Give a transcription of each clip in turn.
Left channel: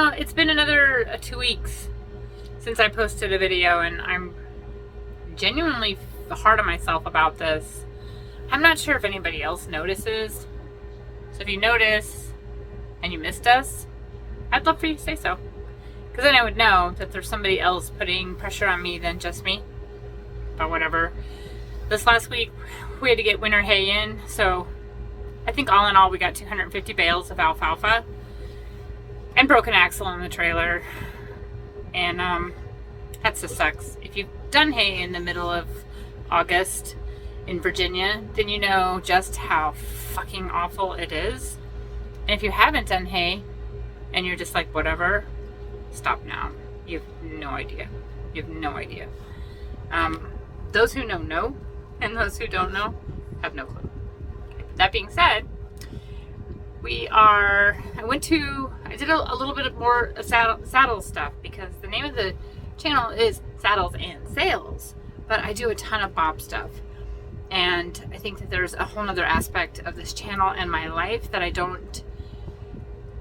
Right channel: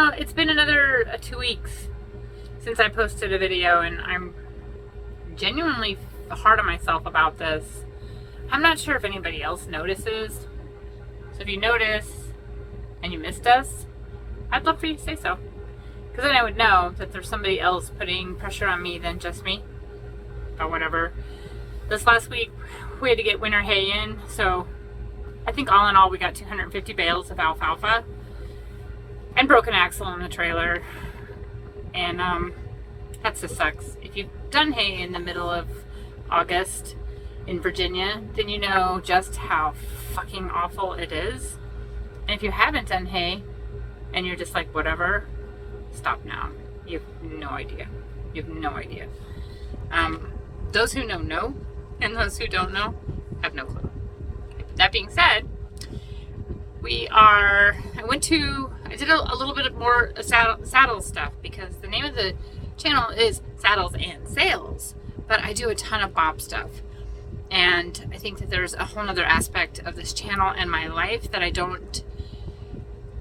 know, it's been another 2 weeks since I posted a video, and I'm genuinely hard on myself about this. I'm not sure if anybody else notices. So if you notice and you missed us, I'd love for you to say so. Because then I would know that there's somebody else putting pressure on me than just me. But whatever. This last week, we had to get winter hay in. So I think all in all, we got 250 bales of alfalfa. And broken axle in the trailer. And that just sucks. If you've done hay in the middle of August in Virginia, then you know just how fucking awful it is. And if you haven't done hay and you're just like, whatever, stop now. You have no idea. You have no idea. Those who know, and those who don't know have no clue. Okay. That being said, I did a little bit of more saddle stuff, because the name of the channel is Saddles and Sales, but I do a ton of bob stuff. And I think that there's a whole nother aspect of this channel and my life that I don't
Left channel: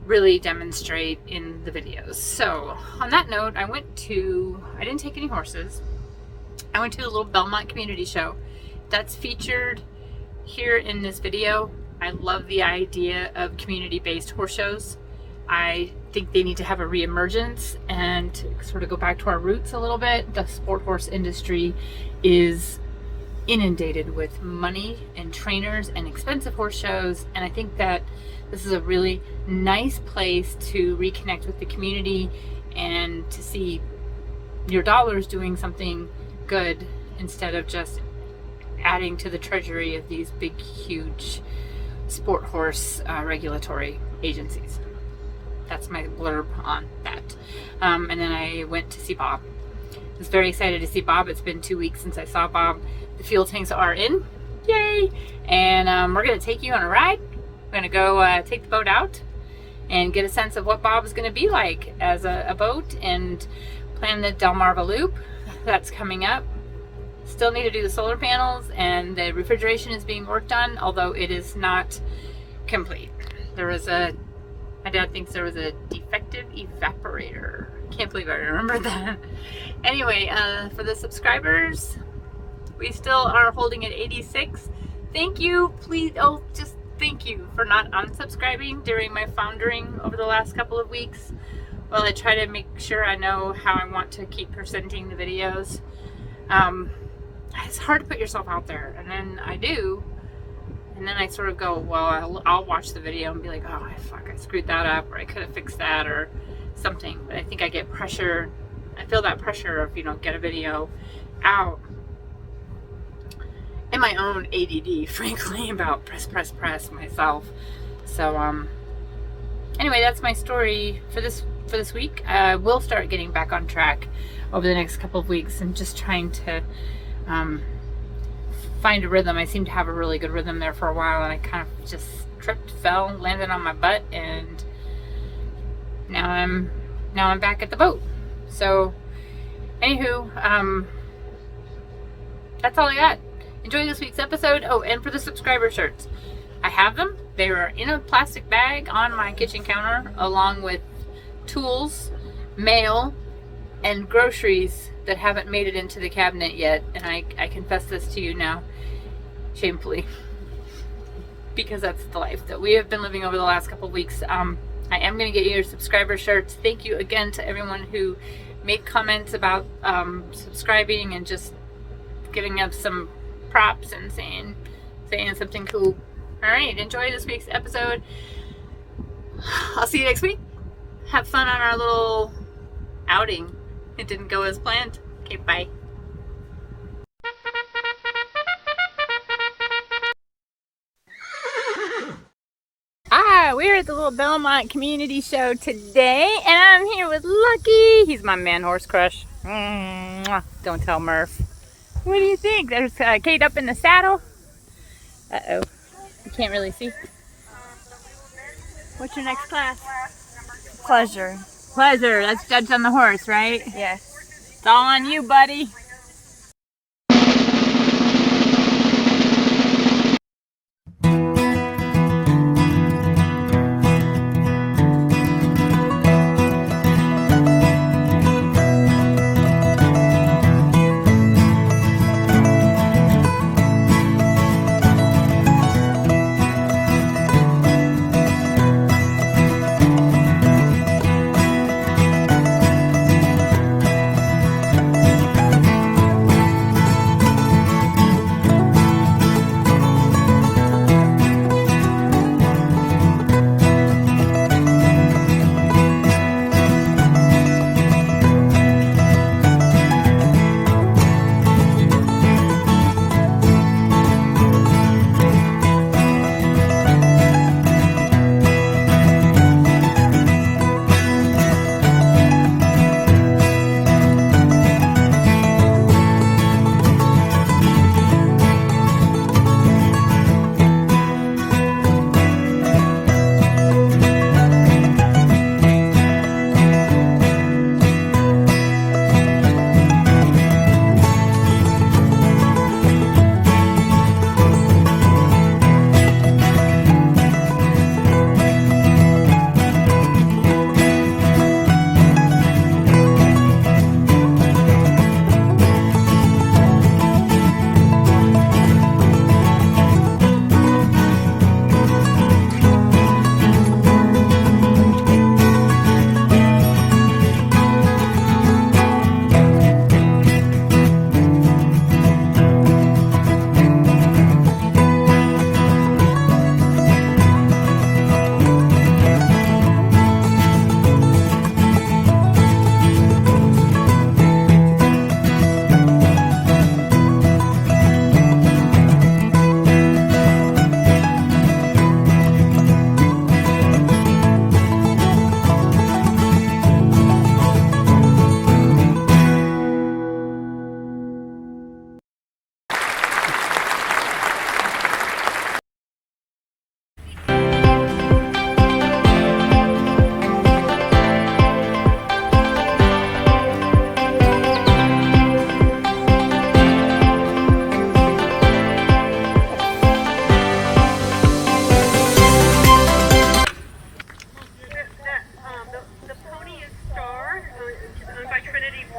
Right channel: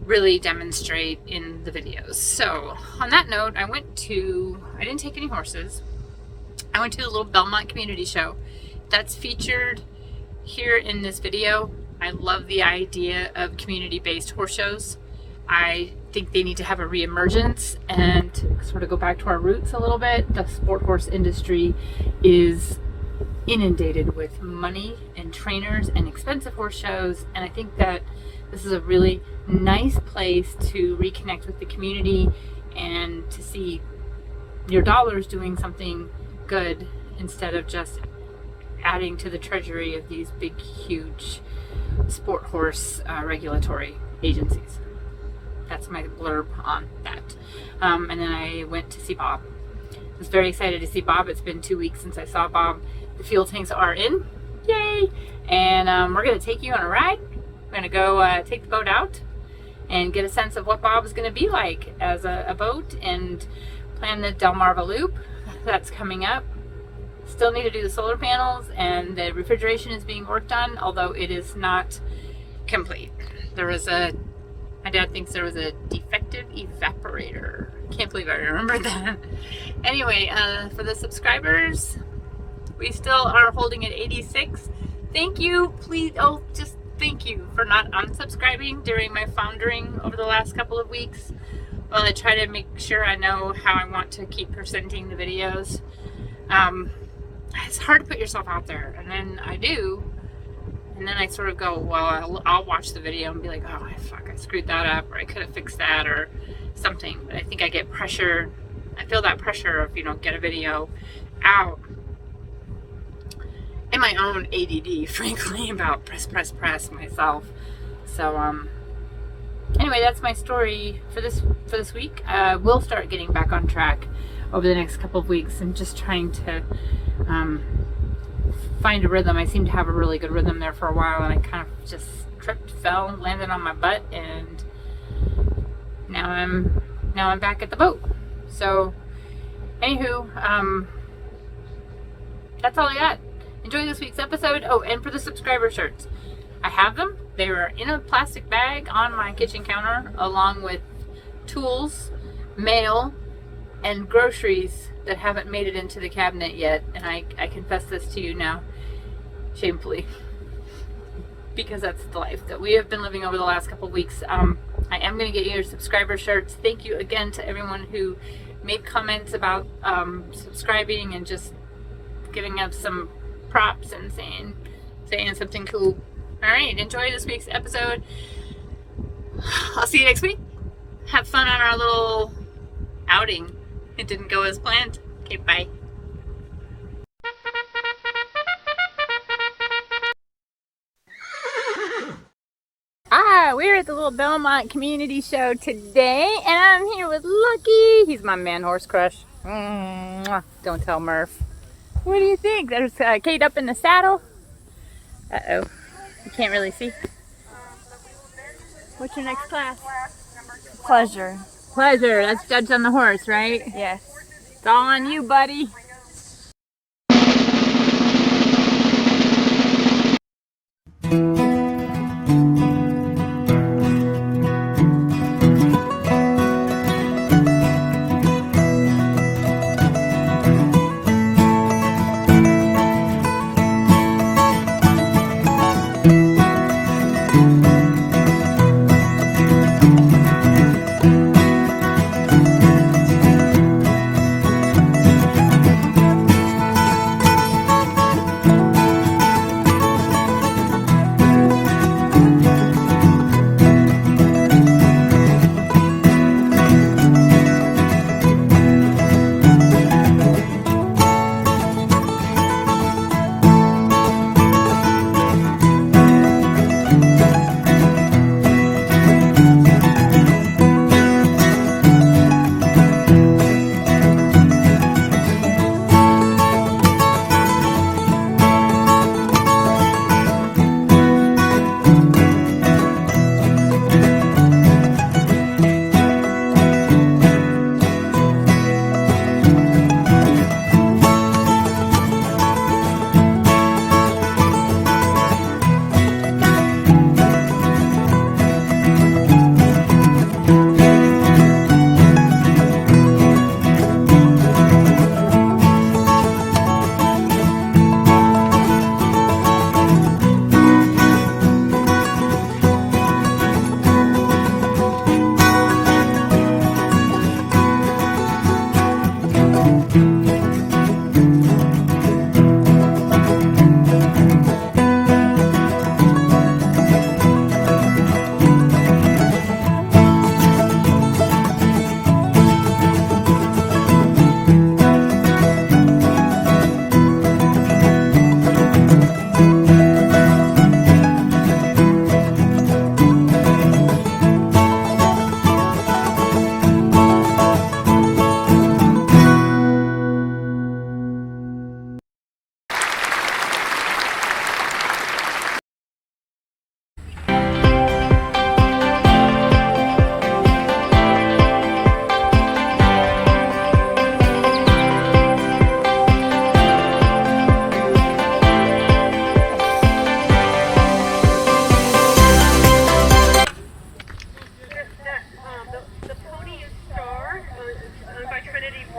really demonstrate in the videos. So on that note, I didn't take any horses. I went to a little Belmont community show that's featured here in this video. I love the idea of community-based horse shows. I think they need to have a reemergence and sort of go back to our roots a little bit. The sport horse industry is inundated with money and trainers and expensive horse shows, and I think that this is a really nice place to reconnect with the community and to see your dollars doing something good instead of just adding to the treasury of these big, huge sport horse regulatory agencies. That's my blurb on that. And then I went to see Bob. I was very excited to see Bob. It's been 2 weeks since I saw Bob. The fuel tanks are in. Yay! And we're going to take you on a ride. We're going to go take the boat out and get a sense of what Bob is going to be like as a boat, and plan the Delmarva Loop. That's coming up. Still need to do the solar panels, and the refrigeration is being worked on, although it is not complete. My dad thinks there was a defective evaporator. Can't believe I remembered that. Anyway, for the subscribers, we still are holding at 86. Thank you. Please, just thank you for not unsubscribing during my foundering over the last couple of weeks. Well, I try to make sure I know how I want to keep presenting the videos. It's hard to put yourself out there, and then I do, and then I sort of go, well, I'll watch the video and be like, oh fuck, I screwed that up, or I could have fixed that, or something. But I think I get pressure. I feel that pressure of, get a video out, and my own ADD, frankly, about press myself. So anyway, that's my story for this week. We'll start getting back on track over the next couple of weeks, and just trying to find a rhythm. I seem to have a really good rhythm there for a while, and I kind of just tripped, fell, landed on my butt, and now I'm back at the boat. So anywho, that's all I got. Enjoy this week's episode. Oh, and for the subscriber shirts, I have them. They were in a plastic bag on my kitchen counter, along with tools, mail, and groceries that haven't made it into the cabinet yet. And I confess this to you now, shamefully, because that's the life that we have been living over the last couple of weeks. I am going to get you your subscriber shirts. Thank you again to everyone who made comments about subscribing and just giving us some props and saying something cool. All right, enjoy this week's episode. I'll see you next week. Have fun on our little outing. It didn't go as planned. Okay, bye. We're at the little Belmont community show today, and I'm here with Lucky. He's my man horse crush. Don't tell Murph. What do you think? There's Kate up in the saddle. Uh-oh. You can't really see. What's your next class? Pleasure. Pleasure. That's judged on the horse, right? Yes. It's all on you, buddy.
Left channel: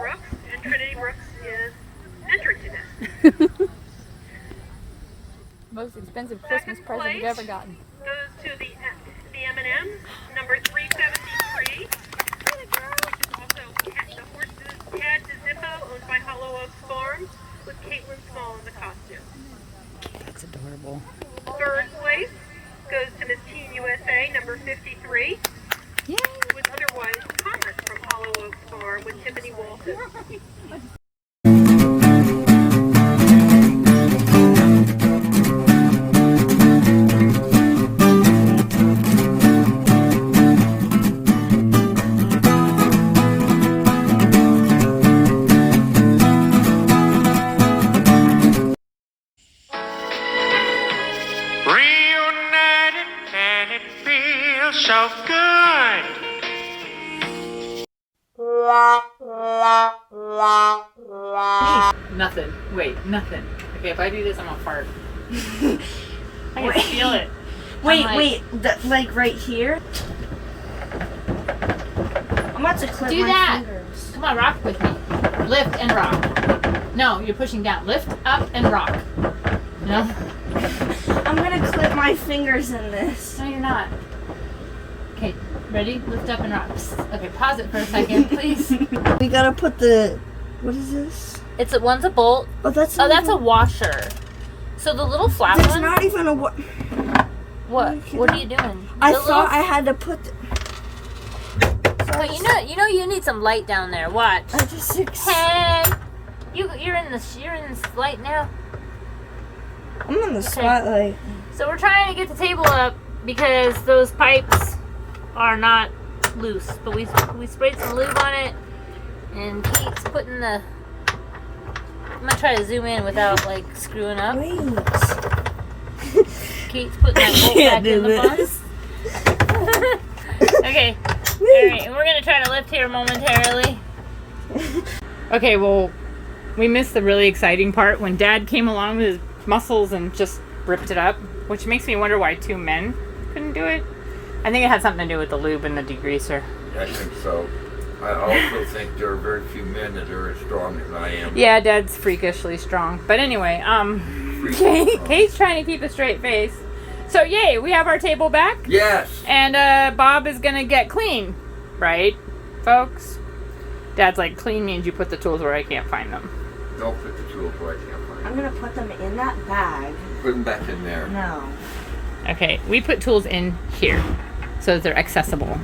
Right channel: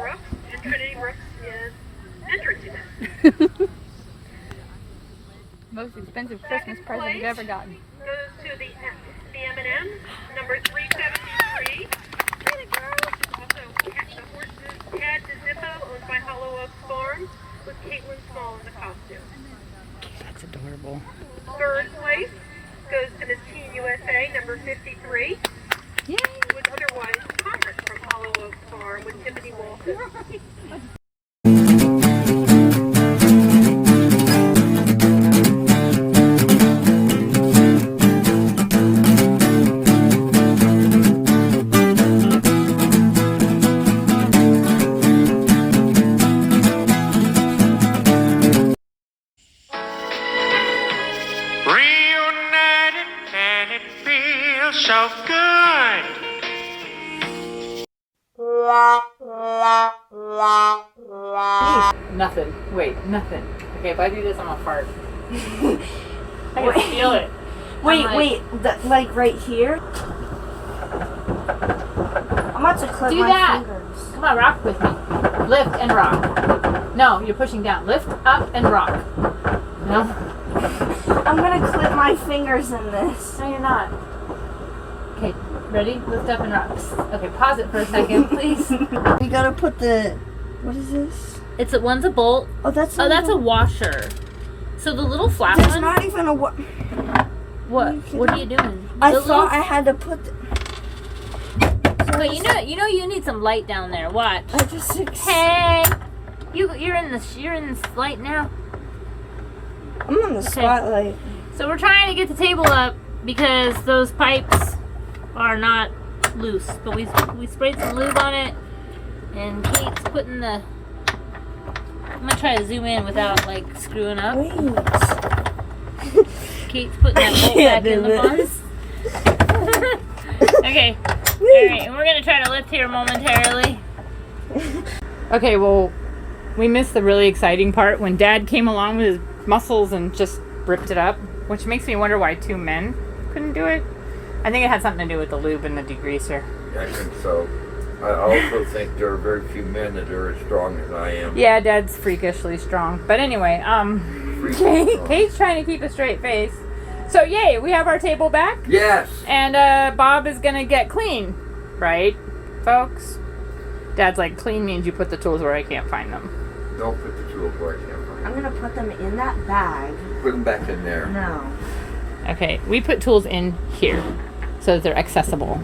Brooks, and Trinity Brooks is entered to this. Most expensive Christmas present you've ever gotten. Goes to the M&M, number 373. Also, the horses Tad to Zippo, owned by Hollow Oaks Farm, with Caitlin Small in the costume. That's adorable. Third place goes to Miss Teen USA, number 53. Yay! With otherwise Thomas from Hollow Oaks Farm with Tiffany Walton. Reunited and it feels so good. Nothing. Wait, nothing. Okay, if I do this, I'm gonna fart. I can feel it. Wait, I'm wait, like right here? I'm about to clip Do my that. fingers. Come on, rock with me. Lift and rock. No, you're pushing down. Lift up and rock. No? I'm gonna clip my fingers in this. No, you're not. Okay, ready? Lift up and rock. Psst. Okay, pause it for a second, please. We gotta put the. What is this? One's a bolt. Oh, that's. Oh, that's a washer. So the little flat That's one. not even a. What? What are you doing? I The thought I had to put. Oh, you know, you need some light down there. Watch. I just. Hey, you're in this light now. I'm on the spotlight. So we're trying to get the table up because those pipes are not loose. But we sprayed some lube on it, and Kate's putting the. I'm gonna try to zoom in without like screwing up. Wait. Kate's putting that bolt back in the box. Okay. Alright, and we're gonna try to lift here momentarily. Okay, well, we missed the really exciting part when Dad came along with his muscles and just ripped it up, which makes me wonder why two men couldn't do it. I think it had something to do with the lube and the degreaser. I think so. I also think there are very few men that are as strong as I am. Yeah, Dad's freakishly strong. But anyway, Kate's trying to keep a straight face. So yay, we have our table back. Yes! And Bob is gonna get clean, right, folks? Dad's like, clean means you put the tools where I can't find them. Don't put the tools where I can't find I'm gonna put them in that bag. them. Put them back in there. No. Okay, we put tools in here so that they're accessible.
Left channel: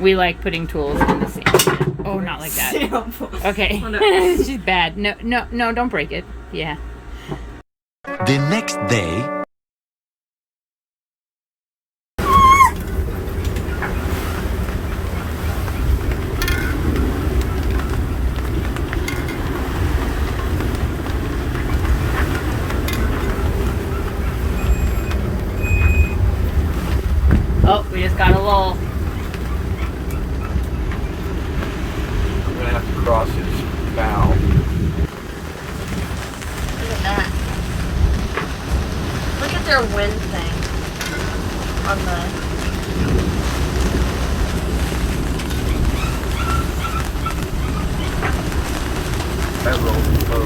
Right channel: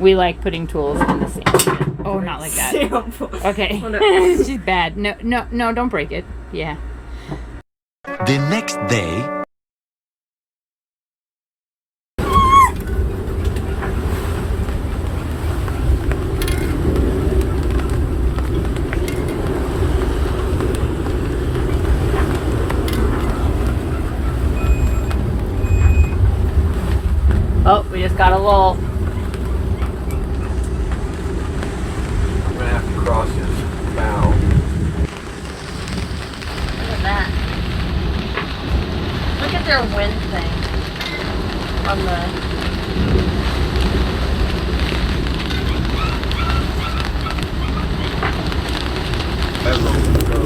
We like putting tools in the sand. Oh, not like that. Okay, she's bad. No, don't break it. Yeah. The next day. Oh, we just got a lull. I'm going to have to cross this bow. Look at that. Look at their wind thing. On the. That won't go.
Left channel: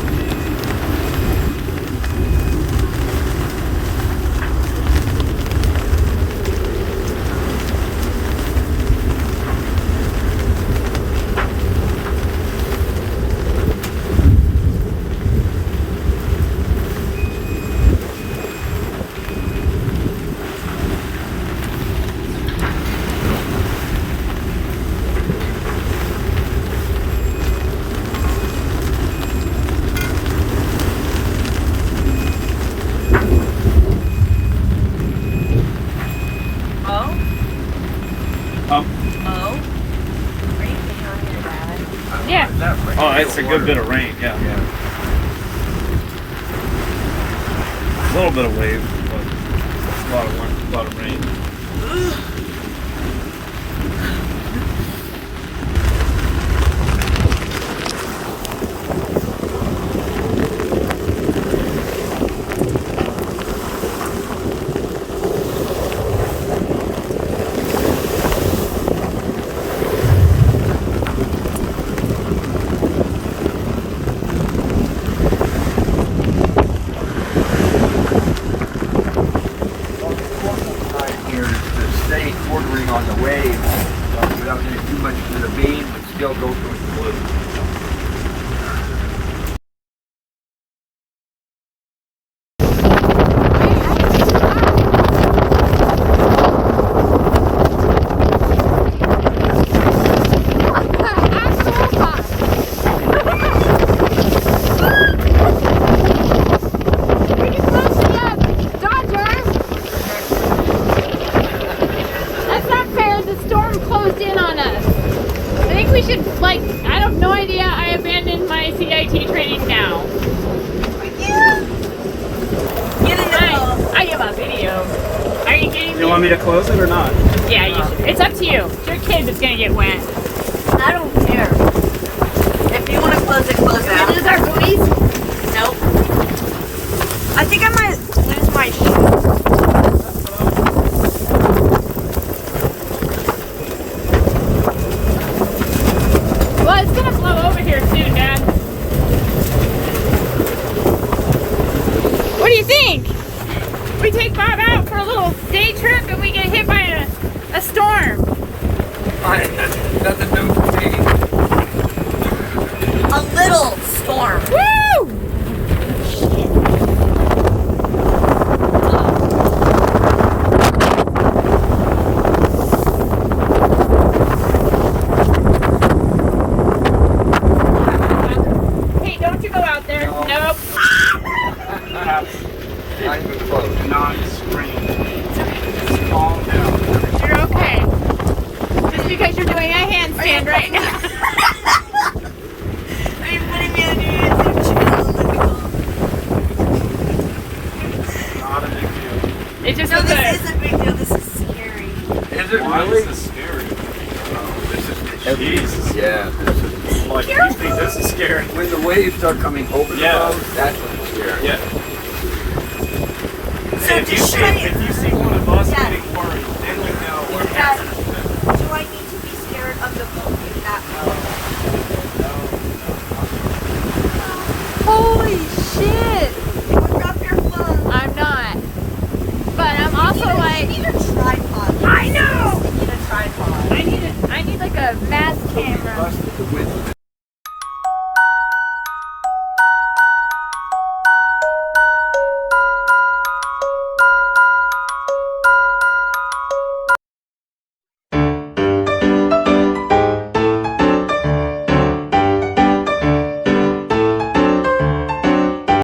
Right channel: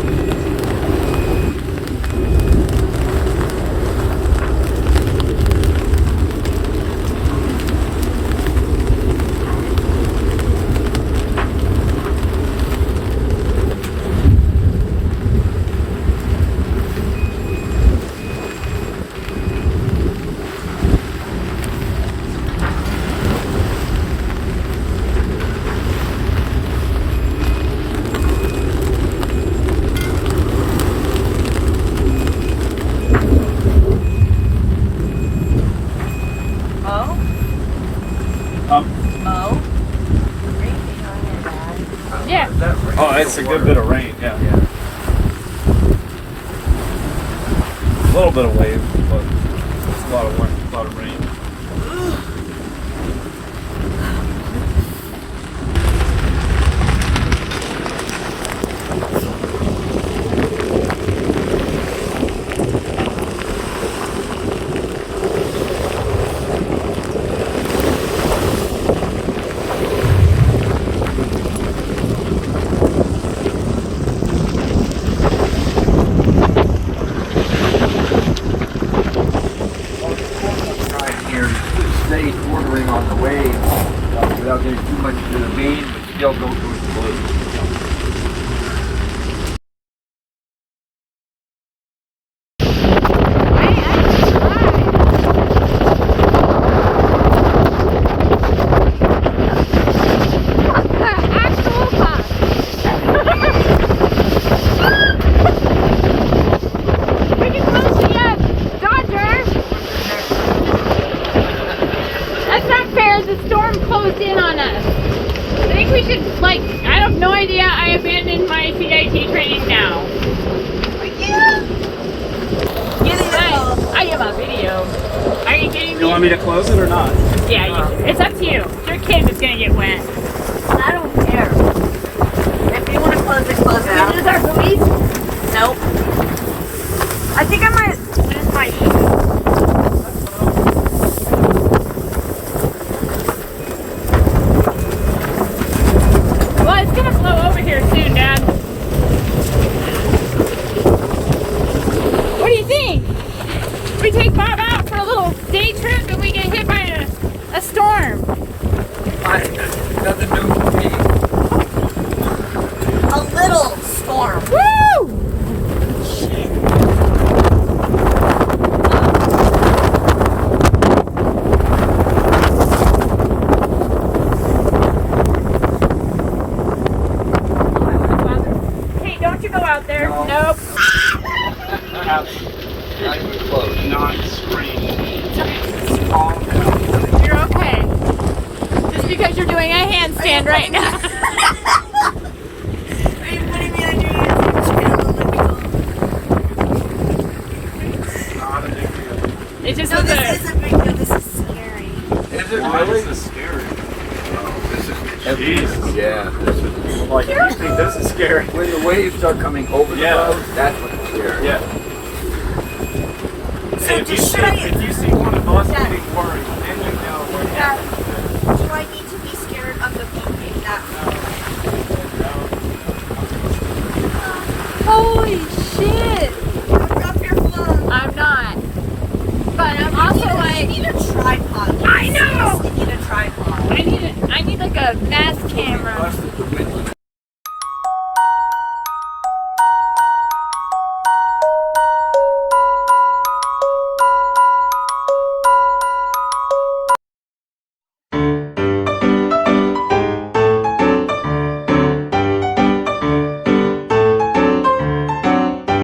Yeah. Oh, it's a good bit of rain, yeah. A little bit of wave, but it's a lot of rain. I have no idea. I abandoned my CIT training now. I am a video. Are you kidding me? You want me to close it or not? Yeah, it's up to you. Your kid is gonna get wet. I don't care. If you want to close it, close it. Can we use our buoys? Nope. I think I might use my shoe. Well, it's gonna blow over here soon, Dad. What do you think? We take Bob out for a little day trip and we get hit by a storm. Nothing new for me. A little storm. Woo! Hey, don't you go out there. No. Nope. Not even close. Non-screen. Calm down. You're okay. Just because you're doing a handstand right now. Are you putting the other hands Not a big deal. It's just No, a this bit. is a big deal. This is scary. Is it Why really? is this scary? This is Jesus. Yeah, this is. Like, you think this is scary? When the waves start coming over the Yeah. boat, that's what's scary. Yeah. So If you just see, show you. if you see one of us Yeah. getting forward, then you know. Dad,